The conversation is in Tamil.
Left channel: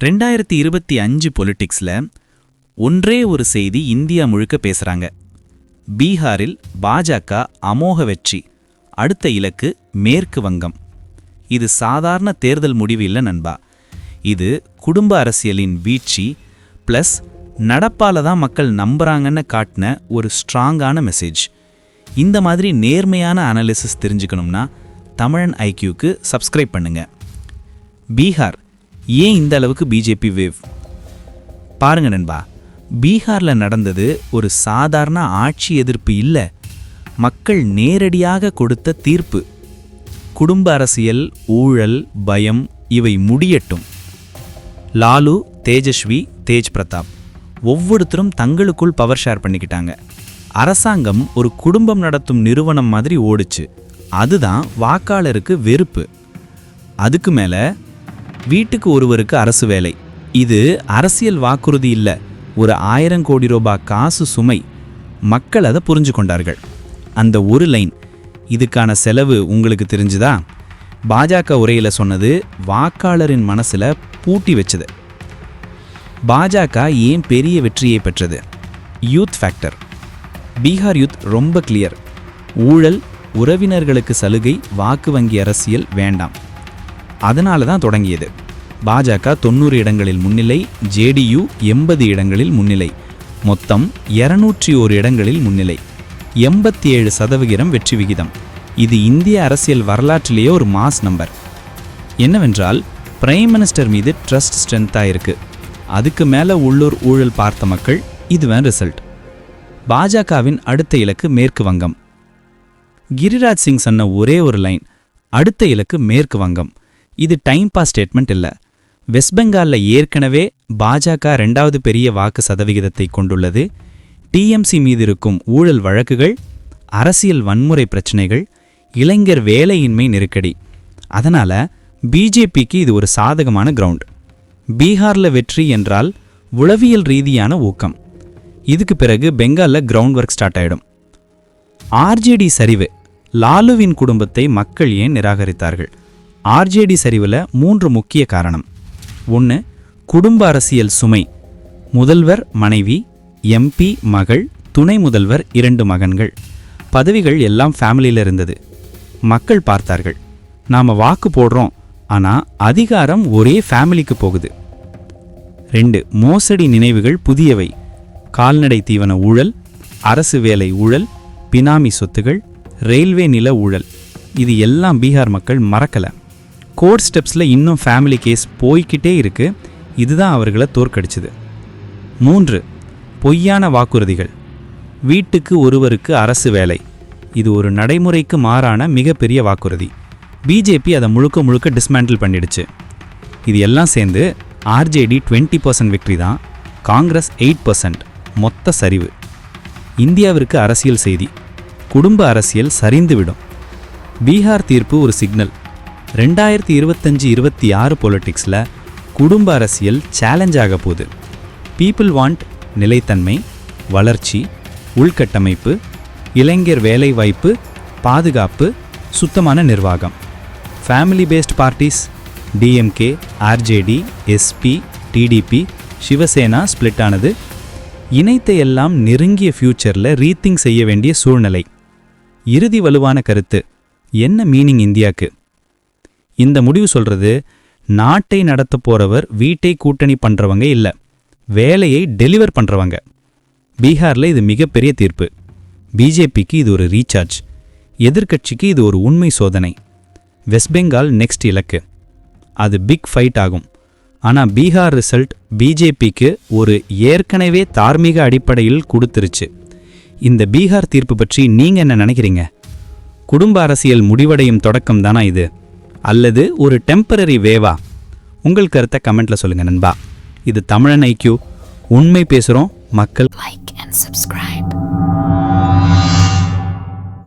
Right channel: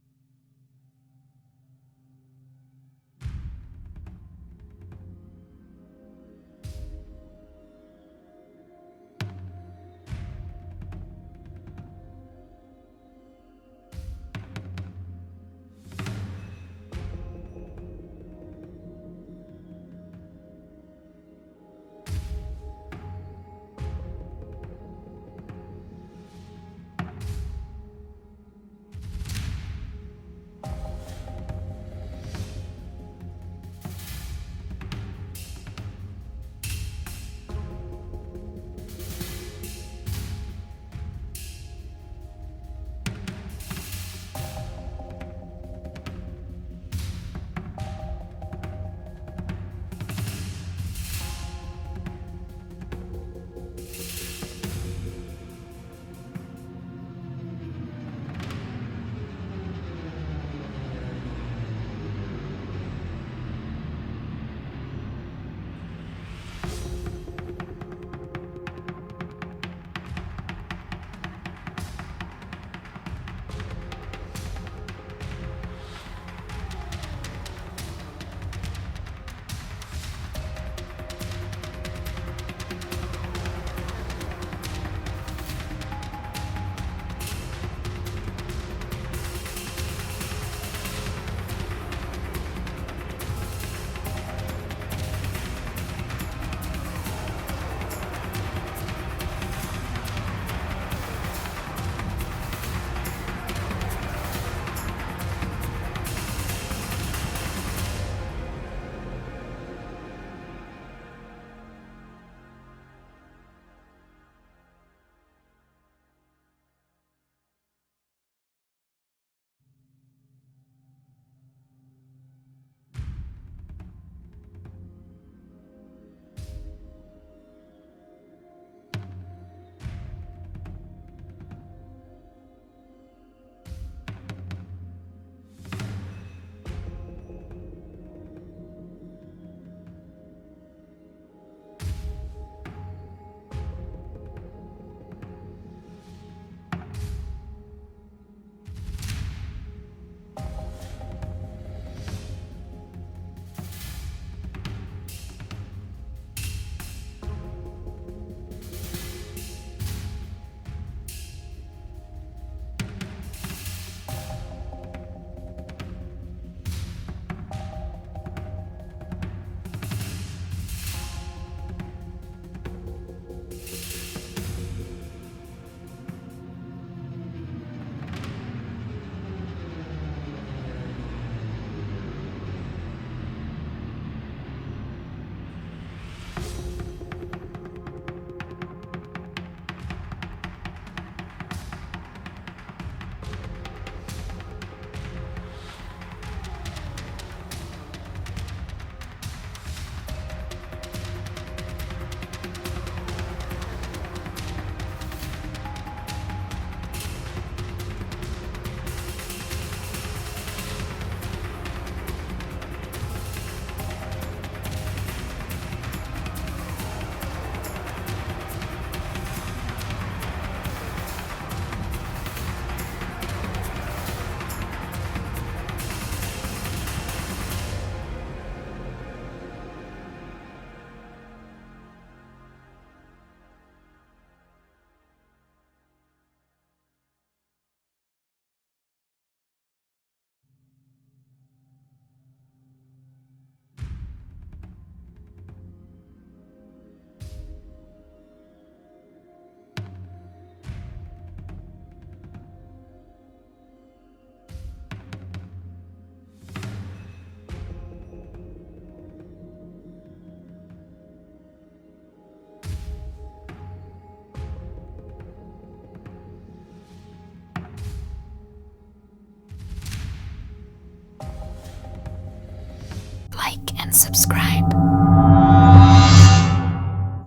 2025 பொலிட்டிக்ஸ்ல ஒன்றே ஒரு செய்தி இந்தியா முழுக்க பேசுறாங்க. பீகாரில் பாஜக அமோக வெற்றி, அடுத்த இலக்கு மேற்கு வங்கம். இது சாதாரண தேர்தல் முடிவு இல்ல நண்பா. இது குடும்ப அரசியலின் வீழ்ச்சி பிளஸ் நடப்பால தான் மக்கள் நம்புறாங்கன்னு காட்டின ஒரு ஸ்ட்ராங்கான மெசேஜ். இந்த மாதிரி நேர்மையான அனாலிசிஸ் தெரிஞ்சுக்கணும்னா தமிழன் ஐக்யூக்கு சப்ஸ்கிரைப் பண்ணுங்க. பீகார் ஏன் இந்த அளவுக்கு பிஜேபி வேவ்? பாருங்க நண்பா, பீகாரில் நடந்தது ஒரு சாதாரண ஆட்சி எதிர்ப்பு இல்லை, மக்கள் நேரடியாக கொடுத்த தீர்ப்பு. குடும்ப அரசியல், ஊழல், பயம் இவை முடியட்டும். லாலு, தேஜஸ்வி, தேஜ் பிரதாப் ஒவ்வொருத்தரும் தங்களுக்குள் பவர் ஷேர் பண்ணிக்கிட்டாங்க. அரசாங்கம் ஒரு குடும்பம் நடத்தும் நிறுவனம் மாதிரி ஓடுச்சு. அதுதான் வாக்காளருக்கு வெறுப்பு. அதுக்கு மேல வீட்டுக்கு ஒருவருக்கு அரசு வேலை, இது அரசியல் வாக்குறுதி இல்லை, ஒரு 1000 கோடி ரூபாய் காசு சுமை. மக்கள் அதை புரிஞ்சு கொண்டார்கள். அந்த ஒரு லைன், இதுக்கான செலவு உங்களுக்கு தெரிஞ்சுதா? பாஜக உரையில் சொன்னது வாக்காளரின் மனசுல பூட்டி வச்சது. பாஜக ஏன் பெரிய வெற்றியை பெற்றது? Youth factor. பீகார் யூத் ரொம்ப கிளியர். ஊழல், உறவினர்களுக்கு சலுகை, வாக்கு வங்கி அரசியல் வேண்டாம். அதனால தான் தொடங்கியது. பாஜக 90 இடங்களில் முன்னிலை, ஜேடியு 80 இடங்களில் முன்னிலை, மொத்தம் 201 இடங்களில் முன்னிலை, 87% வெற்றி விகிதம். இது இந்திய அரசியல் வரலாற்றிலேயே ஒரு மாஸ் நம்பர். என்னவென்றால் பிரைம் மினிஸ்டர் மீது ட்ரஸ்ட் ஸ்ட்ரென்த்தாக இருக்கு. அதுக்கு மேலே உள்ளூர் ஊழல் பார்த்த மக்கள். இதுதான் ரிசல்ட். பாஜகவின் அடுத்த இலக்கு மேற்கு வங்கம். கிரிராஜ் சிங் சொன்ன ஒரே ஒரு லைன், அடுத்த இலக்கு மேற்கு வங்கம். இது டைம் பாஸ் ஸ்டேட்மெண்ட் இல்லை. வெஸ்ட் பெங்காலில் ஏற்கனவே பாஜக 2வது பெரிய வாக்கு சதவிகிதத்தை கொண்டுள்ளது. டிஎம்சி மீது இருக்கும் ஊழல் வழக்குகள், அரசியல் வன்முறை பிரச்சனைகள், இளைஞர் வேலையின்மை நெருக்கடி. அதனால பிஜேபிக்கு இது ஒரு சாதகமான கிரவுண்ட். பீகாரில் வெற்றி என்றால் உளவியல் ரீதியான ஊக்கம். இதுக்கு பிறகு பெங்காலில் கிரவுண்ட் ஒர்க் ஸ்டார்ட் ஆயிடும். ஆர்ஜேடி சரிவு. லாலுவின் குடும்பத்தை மக்கள் ஏன் நிராகரித்தார்கள்? ஆர்ஜேடி சரிவில் 3 முக்கிய காரணம். 1, குடும்ப அரசியல் சுமை. முதல்வர் மனைவி, எம்பி மகள், துணை முதல்வர் 2 மகன்கள். பதவிகள் எல்லாம் ஃபேமிலியில் இருந்தது. மக்கள் பார்த்தார்கள், நாம வாக்கு போடுறோம், ஆனால் அதிகாரம் ஒரே ஃபேமிலிக்கு போகுது. 2, மோசடி நினைவுகள் புதியவை. கால்நடை தீவன ஊழல், அரசு வேலை ஊழல், பினாமி சொத்துகள், ரயில்வே நில ஊழல். இது எல்லாம் பீகார் மக்கள் மறக்கலை. கோர்ட் ஸ்டெப்ஸில் இன்னும் ஃபேமிலி கேஸ் போய்கிட்டே இருக்கு. இதுதான் அவர்களை தோற்கடிச்சது. 3, பொய்யான வாக்குறுதிகள். வீட்டுக்கு ஒருவருக்கு அரசு வேலை. இது ஒரு நடைமுறைக்கு மாறான மிகப்பெரிய வாக்குறுதி. பிஜேபி அதை முழுக்க முழுக்க டிஸ்மேண்டில் பண்ணிடுச்சு. இது எல்லாம் சேர்ந்து ஆர்ஜேடி 20% வெற்றி தான், காங்கிரஸ் 8%. மொத்த சரிவு. இந்தியாவிற்கு அரசியல் செய்தி, குடும்ப அரசியல் சரிந்துவிடும். பீகார் தீர்ப்பு ஒரு சிக்னல். 2025-26 பொலிட்டிக்ஸில் குடும்ப அரசியல் சேலஞ்ச் ஆக போகுது. பீப்புள் வாண்ட் நிலைத்தன்மை, வளர்ச்சி, உள்கட்டமைப்பு, இளைஞர் வேலைவாய்ப்பு, பாதுகாப்பு, சுத்தமான நிர்வாகம். Family based parties DMK, RJD, SP, TDP, Shiv Sena split ஆனது. இணைத்த எல்லாம் நெருங்கிய ஃபியூச்சரில் ரீத்திங் செய்ய வேண்டிய சூழ்நிலை. இறுதி வலுவான கருத்து என்ன மீனிங் இந்தியாவுக்கு? இந்த முடிவு சொல்றது, நாட்டை நடத்த போறவர் வீட்டை கூட்டணி பண்றவங்க இல்லை, வேலையை டெலிவர் பண்றவங்க. பீகாரில் இது மிகப்பெரிய தீர்ப்பு. பிஜேபிக்கு இது ஒரு ரீசார்ஜ், எதிர்கட்சிக்கு இது ஒரு உண்மை சோதனை. வெஸ்ட் பெங்கால் நெக்ஸ்ட் இலக்கு. அது பிக் ஃபைட் ஆகும். ஆனால் பீகார் ரிசல்ட் பிஜேபிக்கு ஒரு ஏற்கனவே தார்மீக அடிப்படையில் கொடுத்துருச்சு. இந்த பீகார் தீர்ப்பு பற்றி நீங்க என்ன நினைக்கிறீங்க? குடும்ப அரசியல் முடிவடையும் தொடக்கம் தானா இது, அல்லது ஒரு டெம்பரரி வேவா? உங்கள் கருத்தை கமெண்ட்ல சொல்லுங்க நண்பா. இது தமிழன் ஐக்யூ. உண்மை பேசுறோம், மக்கள். Like and subscribe.